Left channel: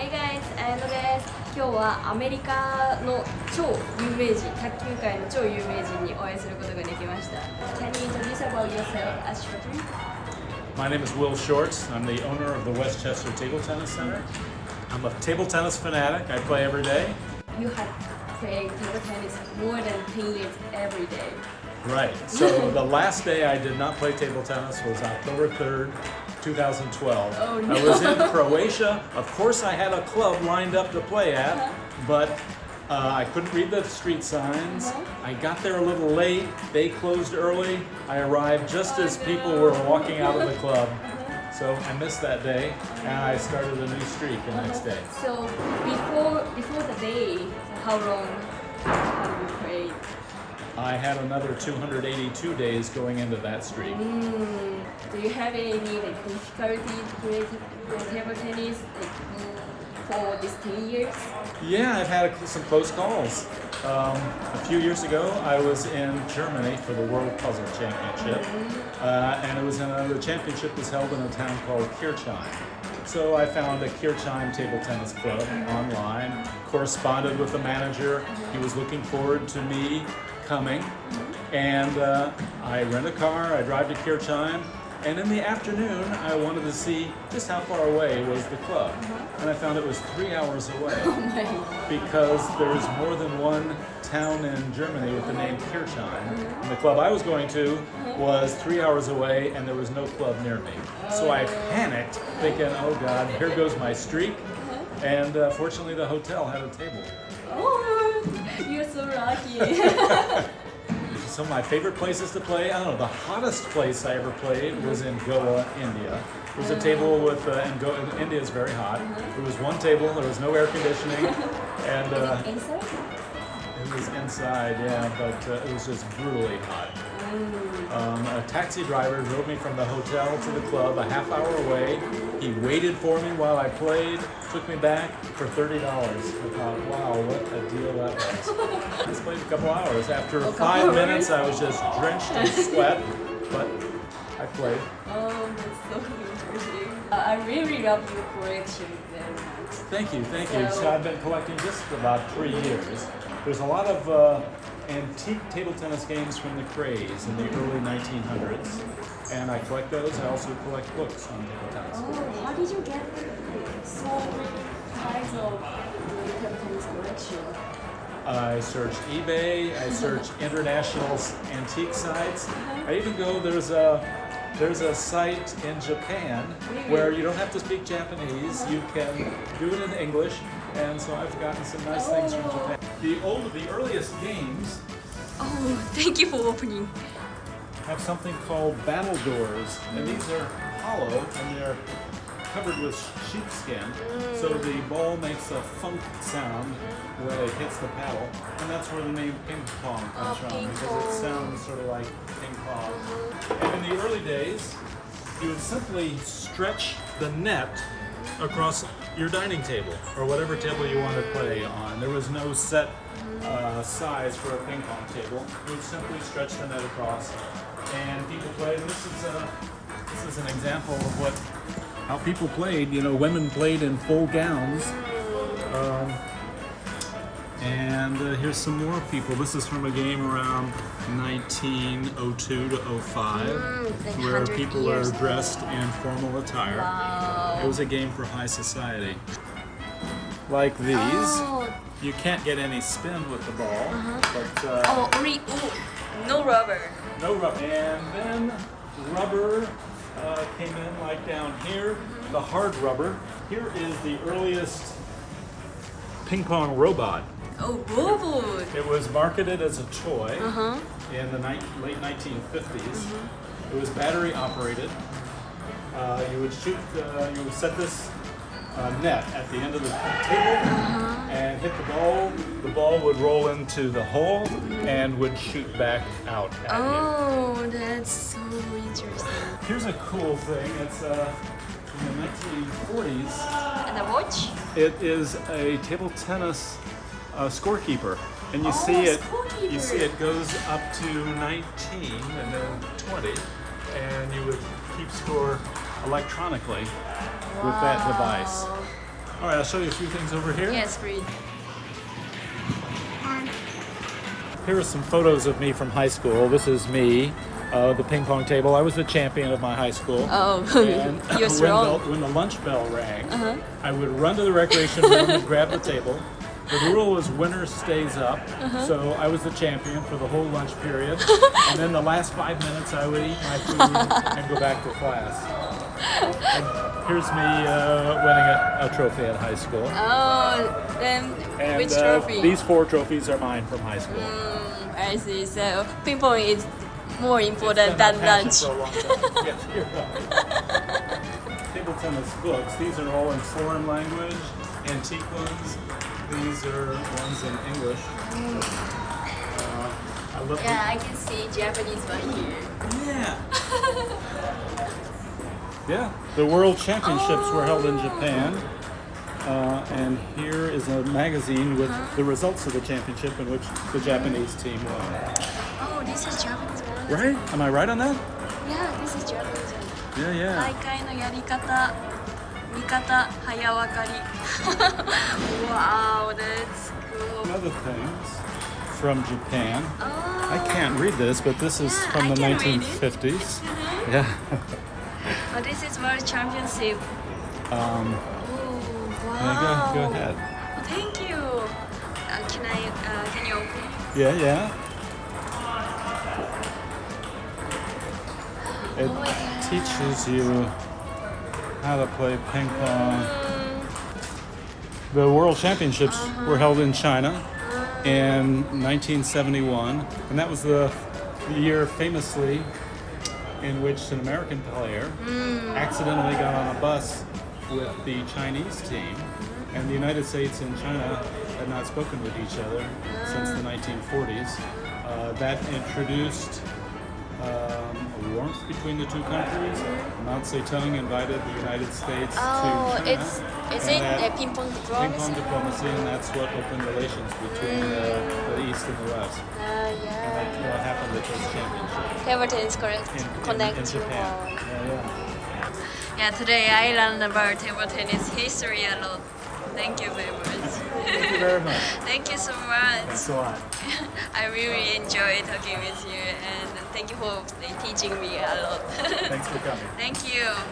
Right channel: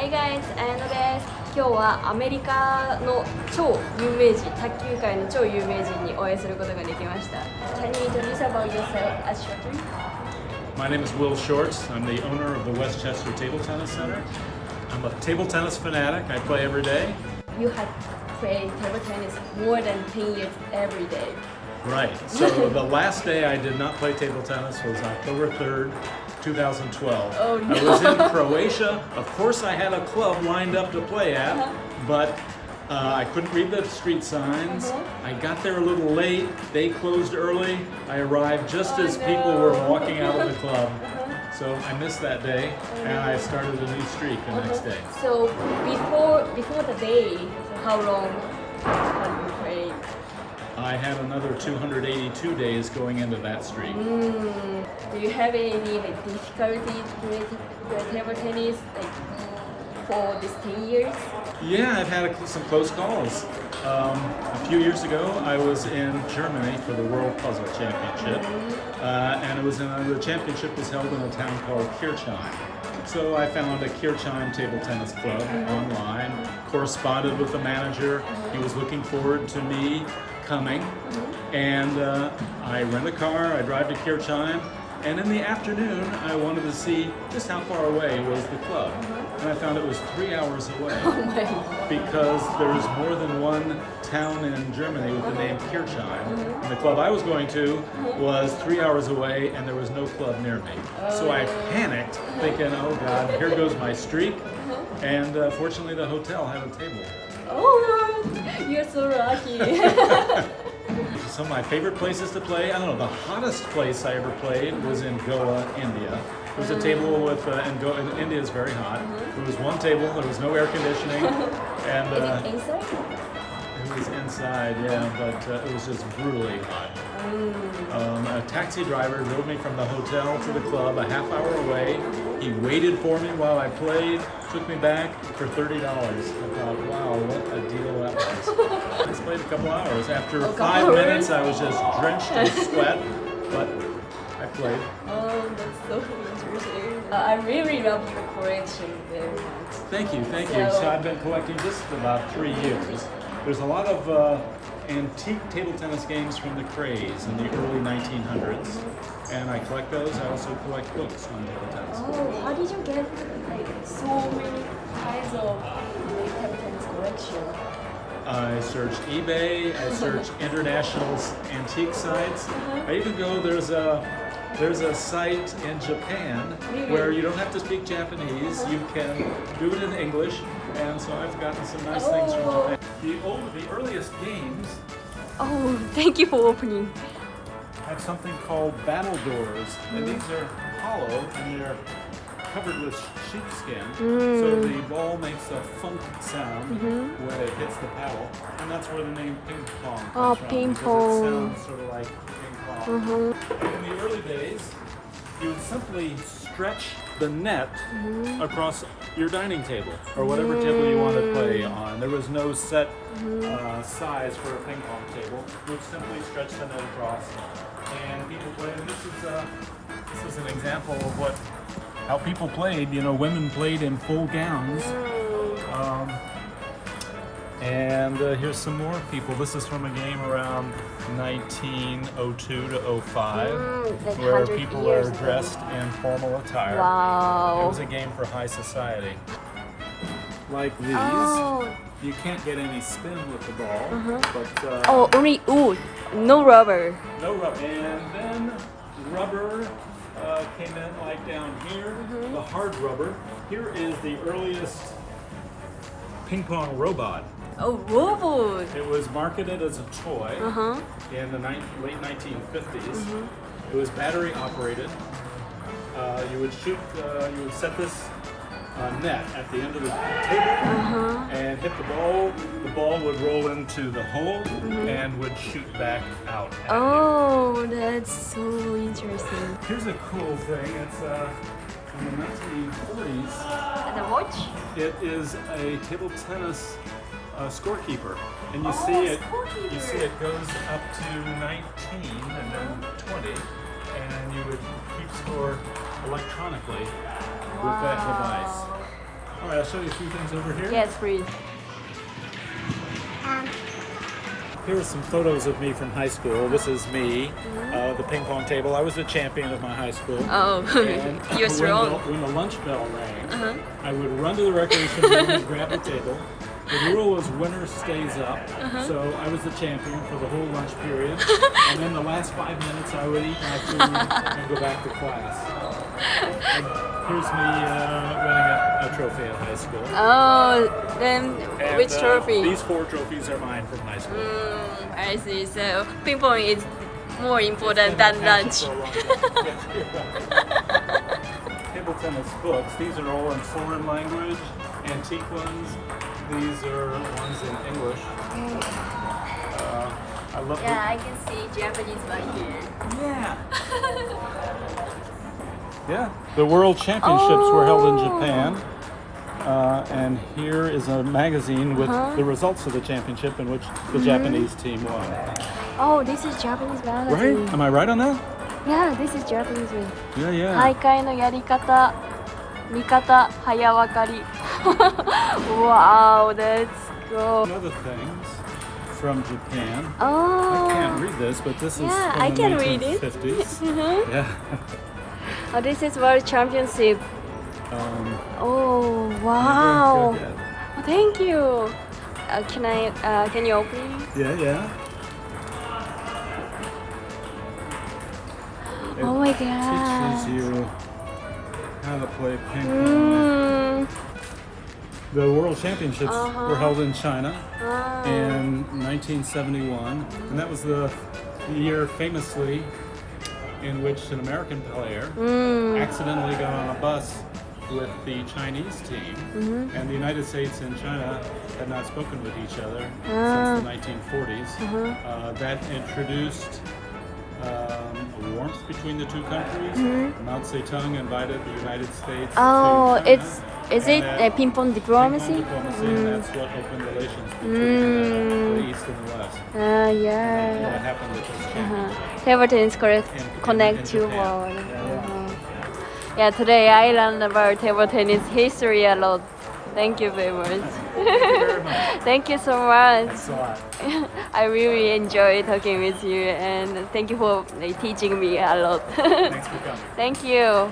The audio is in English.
Hey guys, 綾乃です。今日はアメリカの超有名人、卓球界の超有名人にお会いすることができました。Can you introduce about yourself as shortly? My name is Will Shorts. I'm the owner of the Westchester Table Tennis Center. I'm a table tennis fanatic. I play every day. You have played table tennis more than 10 years every day. Right. So the last day I did not play table tennis was October 3rd, 2012. Oh, no. I was in Croatia. Of course, I had a club lined up to play at, but I couldn't read the street signs. I got there a little late. They closed early. I arrived just as people were walking out of the club. So I missed that day, and I started a new streak the next day. So before the day, how long have you played? I had another 282 days going into that streak. Do you have any difficulty playing table tennis for these 10 years? Yeah, I've had some close calls. A few years ago, I was in Germany for the World Puzzle Championship, and the championship was held in a town called Kirchheim. So I found a Kirchheim table tennis club online, corresponded with the manager. He was looking forward to me coming, and I rent a car, I drive to Kirchheim, and in the afternoon I wanted to see just how far away was the club, and I found it was 3 hours away because there's more than one town in Germany with the name Kirchheim, and the club I was going to was 3 hours away and there was no club near me. So I panicked thinking, oh God, here goes my streak, and fortunately the hotel had a table. Oh, you're so lucky. Some of my favorite places to play, I don't know, the hottest place I ever played was in Goa, India. There was a table with, and India is very hot. There was one table, there was no air conditioning, and Inside? it was inside, yeah, but it was just brutally hot. A taxi driver drove me from the hotel to the club a half hour away. He waited for me while I played, took me back for $30. I thought, wow, what a deal that was. I just played a couple hours. After 5 minutes, I was just drenched in sweat, but I played. Oh, that's so interesting. I really love your collection very much. Thank you, thank you. So I've been collecting this for about 3 years. There's a lot of antique table tennis games from the craze in the early 1900s, and I collect those. I also collect books on table tennis. Oh, how did you get so many kinds of table tennis collection? I searched eBay, I searched international antique sites. I even go, there's a site in Japan where you don't have to speak Japanese, you can do it in English, and so I've gotten some nice things from Japan. The earliest games Thank you for opening. have something called battle doors, and these are hollow and they're covered with sheepskin, so the ball makes a funk sound when it hits the paddle, and that's where the name Pingpong comes from, because it sounds sort of like ping pong. And in the early days, you would simply stretch the net across your dining table, or whatever table you want to play on. There was no set size for a ping pong table. You would simply stretch the net across, and people played. And this is an example of how people played. You know, women played in full gowns. And here's some more people. This is from a game around 1902 to 05, where people are dressed in formal attire. Wow. It was a game for high society. Like these, you can't get any spin with the ball, but no rubber. no rubber. And then rubber came in like down here, the hard rubber. Here is the earliest ping pong robot. Oh, robot. It was marketed as a toy in the late 1950s. It was battery operated. You would set this net at the end of the table and hit the ball. The ball would roll into the hole and would shoot back out. Oh, that's so interesting. Here's a cool thing. It's from the 1940s. And the watch? It is a table tennis scorekeeper, and you see it goes up to 19 and then 20, and you would keep score electronically with that device. All right, I'll show you a few things over here. Yes, please. Here are some photos of me from high school. This is me, the ping pong table. I was the champion of my high school. Oh, And you're strong. when the lunch bell rang, I would run to the recreation room and grab the table. The rule was winner stays up, so I was the champion for the whole lunch period. And then the last 5 minutes, I would eat my food and go back to class. And here's me winning a trophy in high school. Oh, then And, which trophy? These 4 trophies are mine from high school. I see. So ping pong is more important It's been than my passion lunch. for a long time. Yes, you're right. Table tennis books. These are all in foreign language, antique ones. These are ones in English. I love Yeah, I can see Japanese one here. Yeah. Yeah. The World Championships were held in Japan. And here is a magazine with the results of the championship in which the Japanese team won. Oh, this is Japanese magazine. Right? Am I right on that? Yeah, this is Japanese one. Yeah, yeah. 大会のやり方、見方、早わかり。Wow, that's cool. Other things from Japan. Oh. I can't read this, but this is Yeah, from I the can read it. 1950s. Mhm. Yeah. Oh, this is World Championship. Oh, Go wow. ahead. Thank you. Can you open? Yeah, yeah. It Oh my God. teaches you how to play ping pong. The World Championships were held in China in 1971, and that was the year famously in which an American player accidentally got on a bus with the Chinese team, and the United States and China had not spoken with each other since the 1940s. That introduced a warmth between the two countries. Mao Zedong invited the United States to China. Is and it that a ping pong diplomacy? Ping pong diplomacy, and that's what opened relations between the East and the West. And Yeah. that's what happened at this championship Table tennis in connect you. Japan. Yeah, yeah. Yeah, today I learned about table tennis history a lot. Thank you very much. Thank you very much. Thank you so much. Thanks a lot. I really enjoy talking with you, and thank you for teaching me a lot. Thanks for coming. Thank you.